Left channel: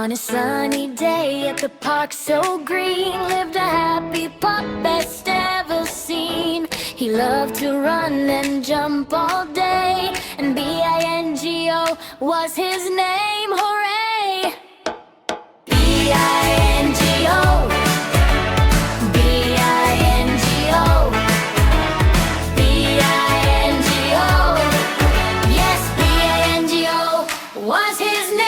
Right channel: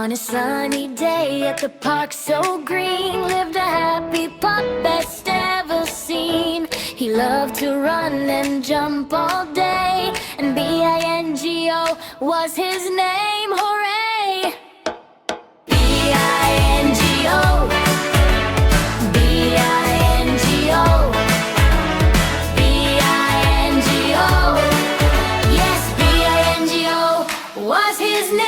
On a sunny day at the park so green lived a happy pup best ever seen. He loved to run and jump all day, and B-I-N-G-O was his name. Hooray! B-I-N-G-O, B-I-N-G-O, B-I-N-G-O. Yes, B-I-N-G-O was his name.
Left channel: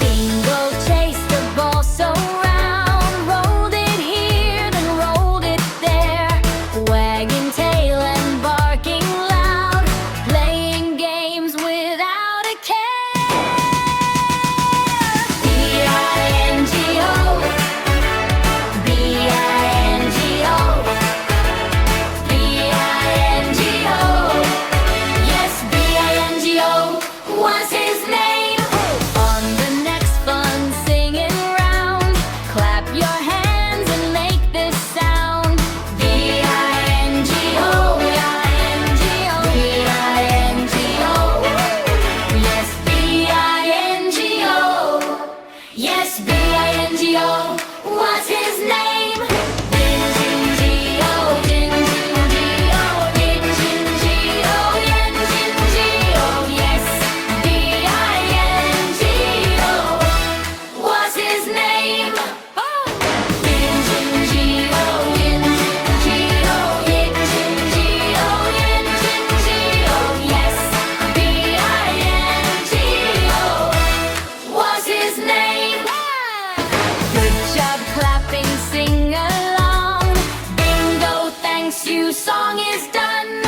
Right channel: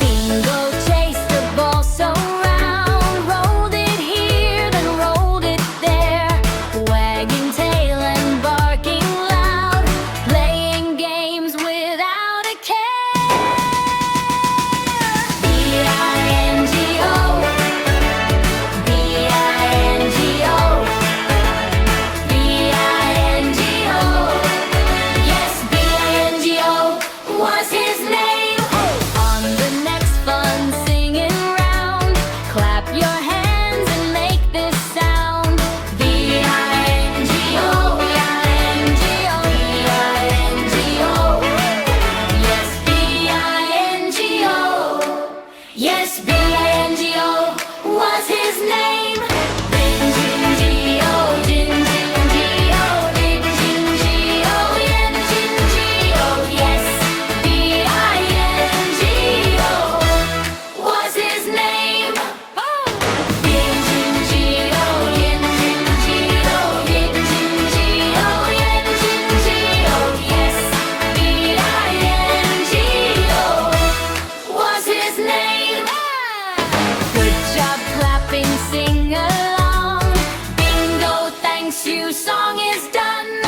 Bingo chased the ball so round, rolled it here, then rolled it there, wagging tail and barking loud, playing games without a care. B-I-N-G-O, B-I-N-G-O, B-I-N-G-O. Yes, B-I-N-G-O was his name. On the next fun singing round, clap your hands and make this sound. B-I-N-G-O, B-I-N-G-O, B-I-N-G-O. Yes, B-I-N-G-O. Yes, B-I-N-G-O was his name. Bin-jin-G-O, jin-jin-G-O, din-jin-G-O, yen-jin-G-O. Yes, B-I-N-G-O was his name. Oh! Bin-jin-G-O, yin-jin-G-O, yin-jin-G-O, yen-jin-G-O. Yes, B-I-N-G-O was his name. Good job clapping, sing along. Bingo, thanks you, song is done.